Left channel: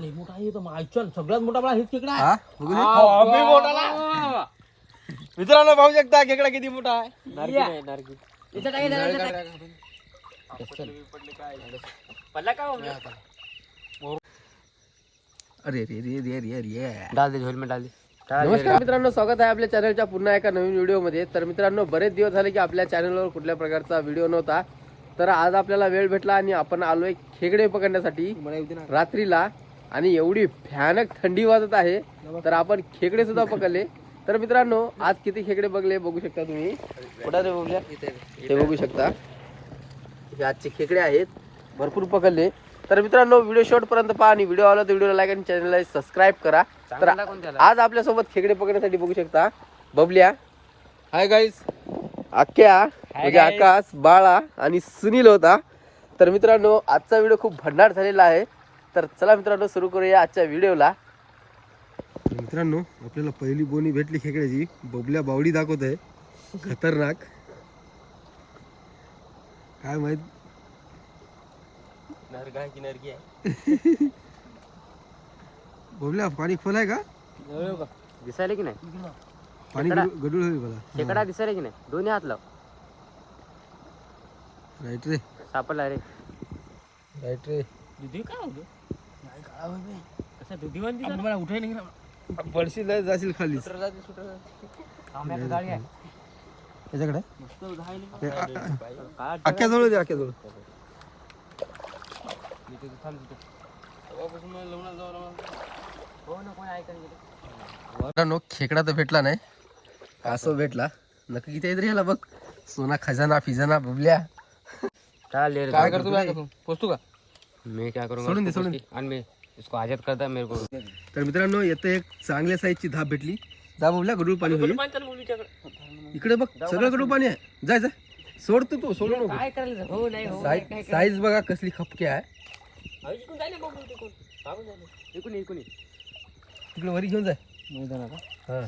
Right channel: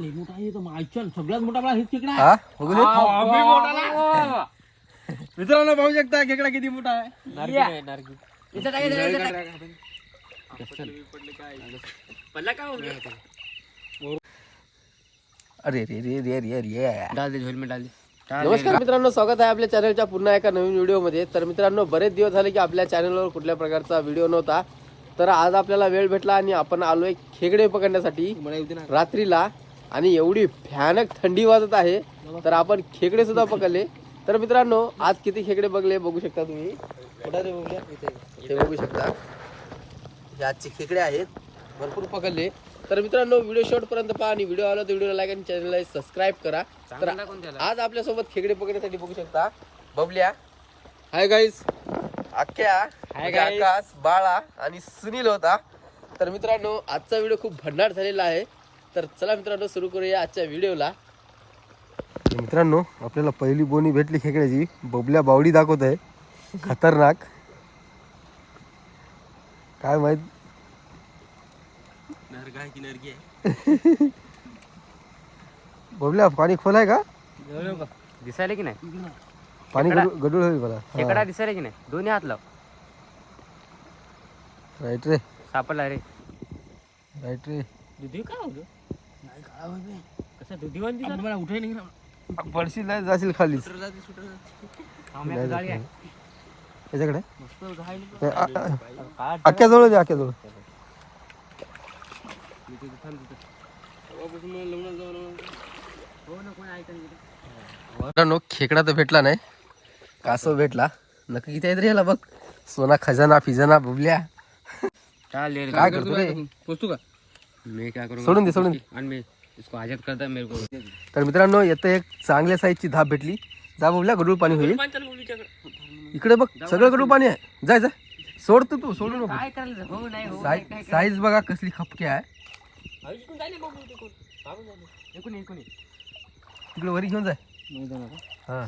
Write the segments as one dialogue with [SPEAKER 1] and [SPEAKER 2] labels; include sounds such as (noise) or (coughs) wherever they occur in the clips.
[SPEAKER 1] लय मोठा आहे तो मायचल सगळ्यात मोठा बळा हेच खेकडा आहे.
[SPEAKER 2] हा? बघू दे.
[SPEAKER 1] बापरे, मोठाला.
[SPEAKER 2] मित्रांनो पाहू शकता खेकडा किती मोठा आहे.
[SPEAKER 1] पडला का बाबा?
[SPEAKER 2] अरे रे रे रे रे रे
[SPEAKER 1] डाल दे डाल दे.
[SPEAKER 3] नमस्कार मित्रांनो स्वागत आहे आपल्या चॅनलच्या पुन्हा एका नवीन व्हिडिओमध्ये तर मित्रांनो बरेच दिवस झाले की आपल्या चॅनलवर कुठल्या प्रकारचा व्हिडिओ नव्हता. तर आज आपल्याला वेळ भेटला आणि आपण आलोय खेकडे पकडण्यासाठी. रात्रीला आणि एवढी भयानक थंडी वाजत आहे तर आपण खेकडे सुद्धा पकडले. तर मित्रांनो आज किती खेकडे बघले बघू शकता तुम्ही? कुठं रे बघूया ते बघू शकता. हे आजचे खेकडे आहेत. भरपूर पकडले. तर मित्रांनो व्हिडिओ शेवट पर्यंत पहा आणि व्हिडिओ आवडला तर व्हिडिओला लाईक आणि चॅनलला सबस्क्राईब करा. तर आज आपल्यासोबत खेकडे पकडण्यासाठी बघू शकता. बबल्या. हाय गाईस आख्या. म्हणजे आकाश बाळा आणि सुनील होता. तर मित्रांनो आजचा व्हिडिओ खूप भन्नाट झालेला आहे. तर चला मित्रांनो सुरू करूया आजच्या व्हिडिओला.
[SPEAKER 2] मित्रांनो आपल्याला पहिली बोनी भेटली खेकड्याची. बबल्या बावडी दाखवत आहे. खतरनाक. काय माहीत? बबल्या पाणी खोल आहे का?
[SPEAKER 1] दिसायला की नाही?
[SPEAKER 2] पाणी गडू गडूळ होईल मला
[SPEAKER 1] खेकडा दिसायला की नाही? दोन्ही हात लाव.
[SPEAKER 2] राईट रे.
[SPEAKER 1] सापडला रे.
[SPEAKER 2] राईट रे.
[SPEAKER 1] दुधी का होतो कसा दुधी वान दिसत मला उठाय नाही
[SPEAKER 2] पडशील नाही जाशील खाली.
[SPEAKER 1] गाडी आहे.
[SPEAKER 2] याच्याकडे? आ- आ- आख्याजवळ दे आख्याजवळ
[SPEAKER 1] हो ना कोण ऐकून गेलं
[SPEAKER 2] मित्रांनो खेकडा तर भेटला नाही. कासव भेटला. नक्की किती आहेत रे ह्याला बघ. सोना खजाना फिजाना बुबल्या.
[SPEAKER 1] काय
[SPEAKER 2] काय करतो रे?
[SPEAKER 1] पोचतो का? मैं क्या करूंगा?
[SPEAKER 2] सोडून दे सोडून दे।
[SPEAKER 1] आणि मैं इसको आजाद करता मेरे को।
[SPEAKER 2] तर मित्रांनो येतं एक चांगल्या साईजची धाप भेटली. जा बुबल्या गडूळ पाणी होईल. इकडे बघ सगळं गडूळ पाणी आहे. जाय जाय सोड तू तू सोडू नको.
[SPEAKER 1] काय करायला हो नाही हो
[SPEAKER 2] साईज साईज बघा कसली खपकी आहे.
[SPEAKER 1] इकून इकून
[SPEAKER 2] इकडे वरी घेऊन जाय हा?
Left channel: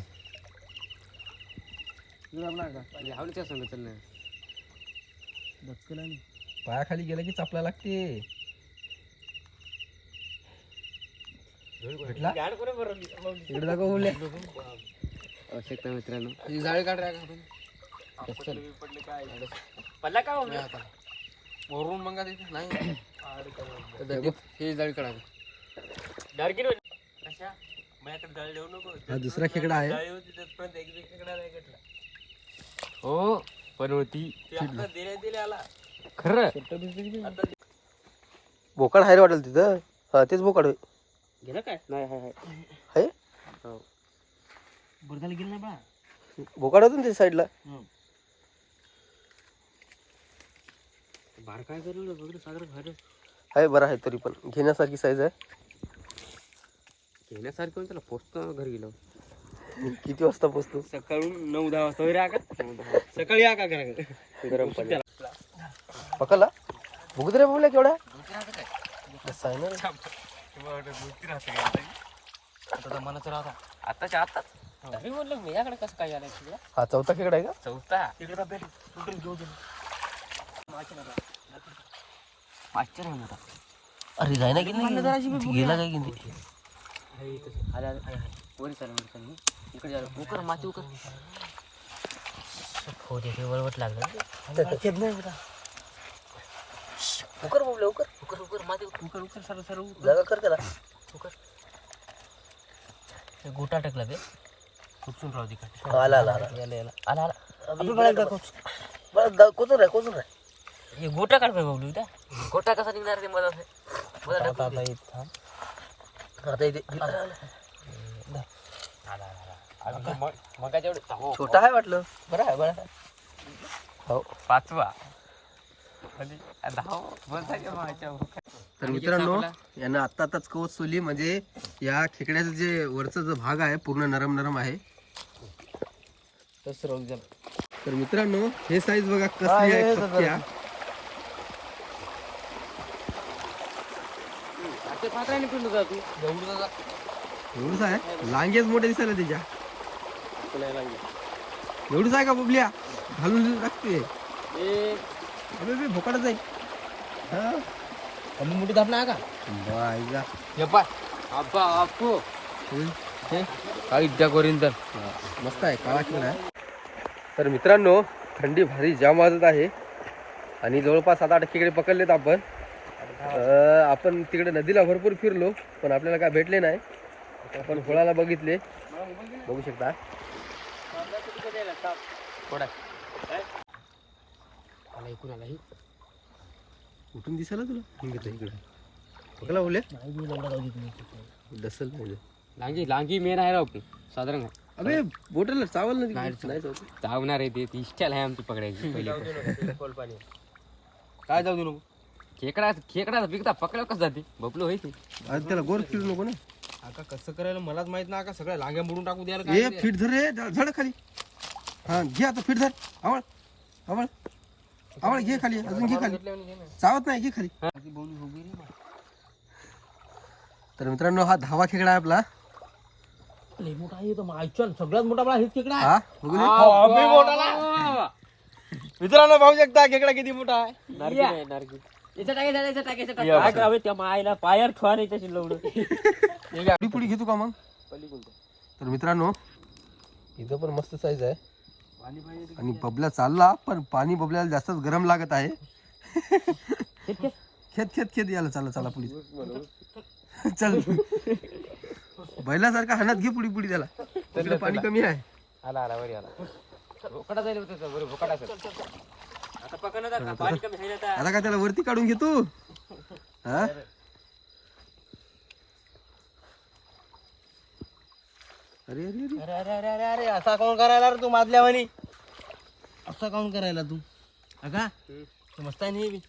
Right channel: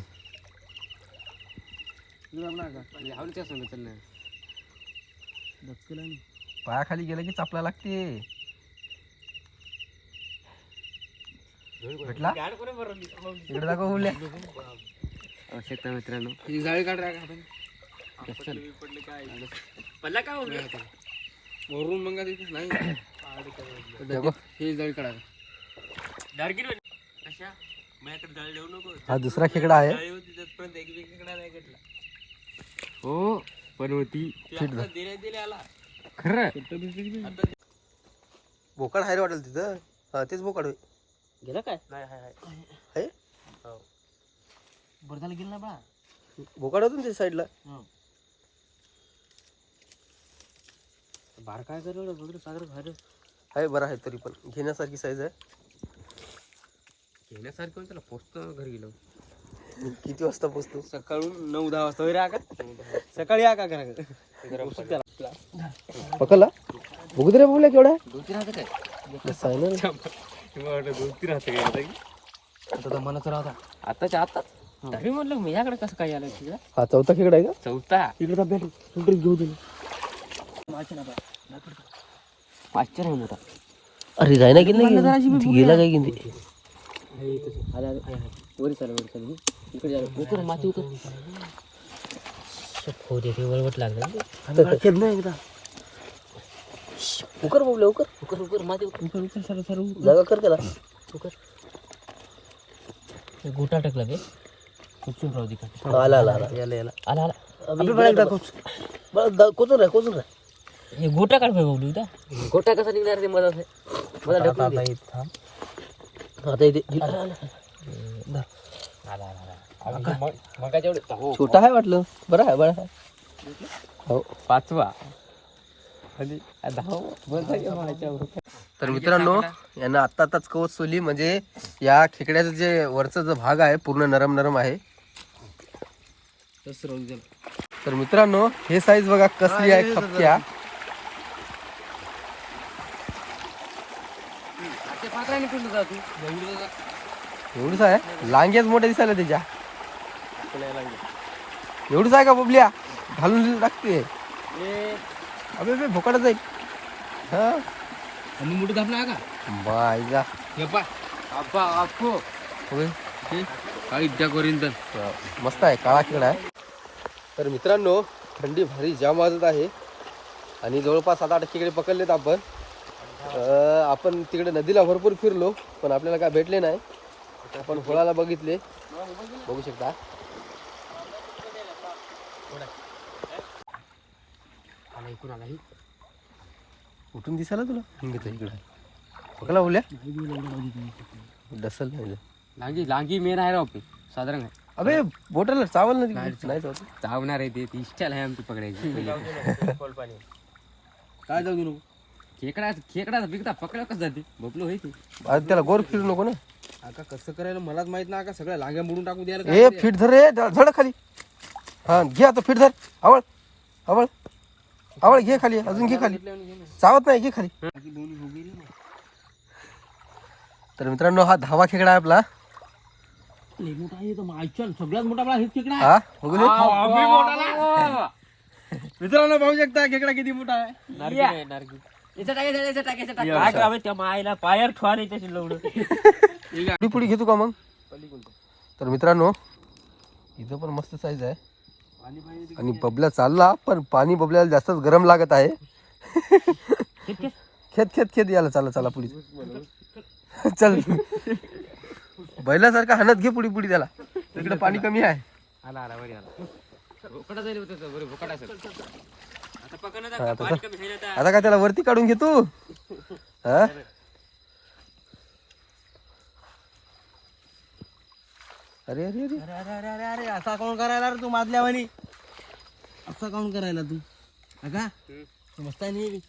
[SPEAKER 2] पायाखाली गेलं की चापला लागते. भेटला? इकडे दाखव बुबल्या
[SPEAKER 1] आवश्यकता मित्रांनो. ही जाळी काढ राहा आपण. पडला का वरून मग नाही. (coughs) हे जाळी काढा.
[SPEAKER 2] हा दुसरा खेकडा आहे.
[SPEAKER 1] हो पण होती. खरं?
[SPEAKER 2] बोकाड हाय रे वाटेल तिथं. हा तेच बोकाड होय.
[SPEAKER 1] गेलं काय? नाही हाय हाय.
[SPEAKER 2] आहे
[SPEAKER 1] बरं झालं गेलं नाही बा.
[SPEAKER 2] बोकाड होतं ना त्या साईडला
[SPEAKER 1] बार काय करलं बघ सागर घर
[SPEAKER 2] आहे. बरं आहे तरी पण. घेण्यासारखी साईज आहे.
[SPEAKER 1] घेण्यासारखं होतं त्याला पोचतो घरी गेलो
[SPEAKER 2] किती वाजता पोचतो?
[SPEAKER 1] सकाळून नऊ दहा वाजता. वगैरे का सकाळी या का गरम
[SPEAKER 2] पकडला? बघू दे रे बोलल्या केवढा
[SPEAKER 1] काय
[SPEAKER 2] ना रे.
[SPEAKER 1] काय आता मला तर आता आताच्या आताच? तरी म्हणलं मी याकडे कसं काय आलं तुझ्या
[SPEAKER 2] हा चौथा खेकडा आहे का?
[SPEAKER 1] चौथा. इकडे का कुठे घेऊ दे पाचशे नाही मोठा.
[SPEAKER 2] अरे जाय ना की नाही गेला. काय की
[SPEAKER 1] अरे अरे वरी चालू वरी चालू इकडे झालं उकर माती उकर. हो दे वळवट लागलं
[SPEAKER 2] उकर बोलले उकर
[SPEAKER 1] उकर उकर माती उकर उकर उकर सर सर
[SPEAKER 2] जागा कर त्याला.
[SPEAKER 1] उकर. ते गोटा टाकला ते. चुकचून राहू दे का
[SPEAKER 2] आला आला आला.
[SPEAKER 1] आला आला.
[SPEAKER 2] बरं कोचून राह कोचून राह
[SPEAKER 1] हे गोटा काढ पाहिजे बोलू इथं. गोटा कसा निघणार ते मला? मला ढकलून दे.
[SPEAKER 2] आता इथे
[SPEAKER 1] हो
[SPEAKER 2] छोटा आहे वाटलं. बरं आहे बरं आहे. हो
[SPEAKER 1] पाचवा.
[SPEAKER 2] तर मित्रांनो यांना आत्ता आताच कवच सोली म्हणजे या खेकड्याचं जे वरचा जो भाग आहे पूर्ण नरम नरम आहे. तर मित्रांनो हे साईज बघा कसली आहे खपक्या. एवढंच आहे? लांग्याच मोठ्या दिसायला त्याच्या. एवढंच आहे का बबल्या? घालून टाकते अबे बे भोकाडच जाईल. हा?
[SPEAKER 1] कमी मोठी दाबला का?
[SPEAKER 2] बाय जा.
[SPEAKER 1] हे
[SPEAKER 2] बघू.
[SPEAKER 1] काही त्या गोरिंदर
[SPEAKER 2] हा, मस्त आहे काळा खेळ आहे. तर मित्रांनो थंडी भारी जाम वाजत आहे. आणि जवळपास सात आठ खेकडे पकडलेत आपण. अं, आपण तिकडे नदीला भरपूर फिरलो पण आपल्याला काय भेटले नाही. आपण होळाला बघितले. बघू शकता. उठून दिसायला तुला? हिंगितलं इकडे. पकडला बोलल्या? डसल नाही
[SPEAKER 1] लांगी लांगी मेन आहे राव साधारण आहे.
[SPEAKER 2] अबे बोटाला चावल नाही.
[SPEAKER 1] चावणार आहे ते. ती आहे आमची पकडायची पहिली
[SPEAKER 3] काय जाऊ दे नको
[SPEAKER 1] खेकडा खेकडा बिकता पकडाव कसं जाते? बबलो होय
[SPEAKER 2] त्याला गोर फिरू नको ना.
[SPEAKER 3] आता कसं करायला मलाच माहीत नाही. का सगळ्या लांग्या मोडून टाकू द्यायला
[SPEAKER 2] ए फिट धर रे. धड खाली. हा घे आता फिट धर. आवळ आवळ. आवळ घे खाली अजून घे खाली. चावत नाही घे खाली. तर मित्रांनो हा धावा खेकडा आहे आपला.
[SPEAKER 3] सगळ्यात मोठा आपला खेकडा
[SPEAKER 2] हा
[SPEAKER 3] मित्रांनो पाहू शकता खेकडा किती मोठा आहे.
[SPEAKER 1] पायर ठेवा (laughs)
[SPEAKER 2] पुडी घेतो का मग? तर मित्रांनो इथं पण मस्त साईज आहे. आणि बबल्या चालला पण पाणी बबल्याला जास्तच गरम लागत आहे. खेत खेत खेत याला चाला चला पुढे चल. बैलासारखा हाणत घे पुढी पुढी त्याला. तिकडे पाणी कमी आहे. आता काय त्याला वरती काढून घे तू? हा? अरे अरे अरे.
[SPEAKER 3] अरे अरे अरे तू माजल्यावानी असा काऊन करायला तू? अगा तू मस्त आहे नाही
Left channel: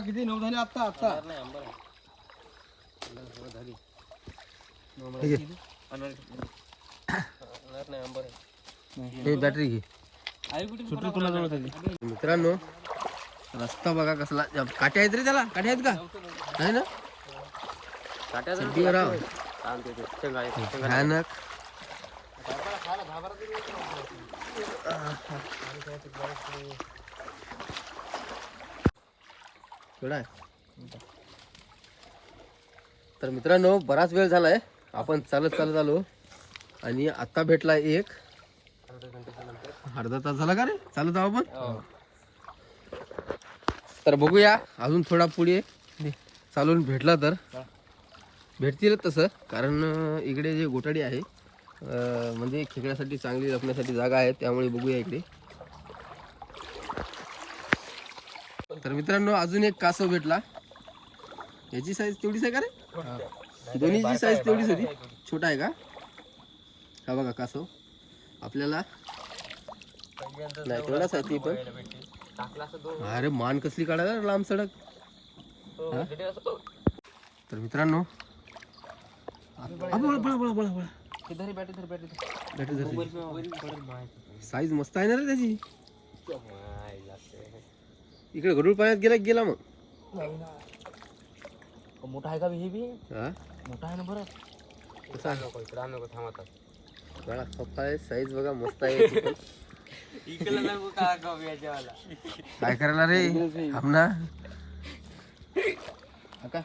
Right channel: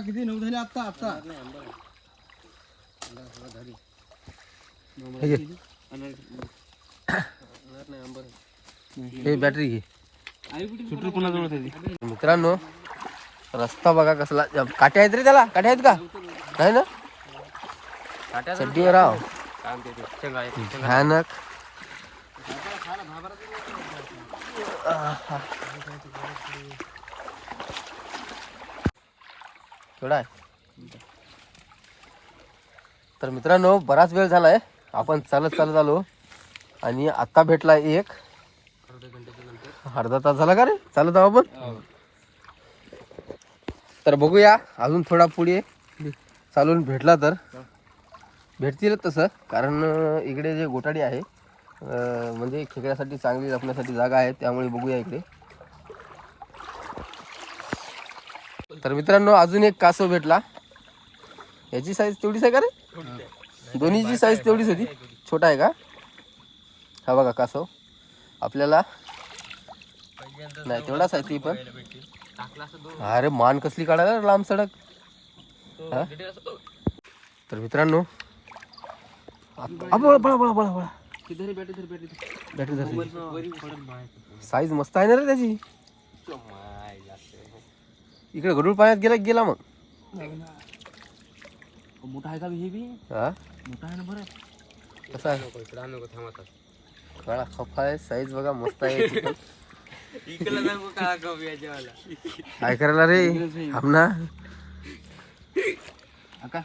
[SPEAKER 3] किती नऊ झाले
[SPEAKER 2] बॅटरी घे.
[SPEAKER 3] सुटू कुणाजवळ
[SPEAKER 2] मित्रांनो रस्ता बघा कसला. काटे आहेत रे त्याला. काटे आहेत का? नाही ना? चड्डीवर राव भयानक. केवढा तर मित्रांनो बराच वेळ झालाय. आपण चालत चालत आलो. आणि आता भेटला एक. अर्धा तास झाला का रे? चालत आहो आपण? हो. तर बघूया अजून थोडा पुढे चालून भेटला तर. भेटतीलच तसं कारण इकडे जे गोटाडी आहे म्हणजे खेकड्यासाठी चांगली लपण्यासाठी जागा आहे त्यामुळे बघूया इकडे. तर मित्रांनो अजून एक कासव भेटला. याची साईज तेवढीच आहे का रे? दोन्हीची साईज तेवढीच होती. छोटा आहे का? हा बघा कासव. आपल्याला नाही तेवढाच आहे ती पण. अरे मान कसली काढायला लांब सडक? हा? तर मित्रांनो आता- आ, बळा, बळा, बळा, बळा, बळा. बॅटरी धरली. साईज मस्त आहे ना रे त्याची? इकडे गडूळ पाण्यात गेला की गेला मग.
[SPEAKER 3] मोठा आहे का हे बी?
[SPEAKER 2] हा?
[SPEAKER 3] मोठा आहे ना बरं.
[SPEAKER 2] कसा आहे? काळा खफा आहे साईज बघा मस्त आहे. याची (laughs) पण. काय करायला रे?
[SPEAKER 3] अका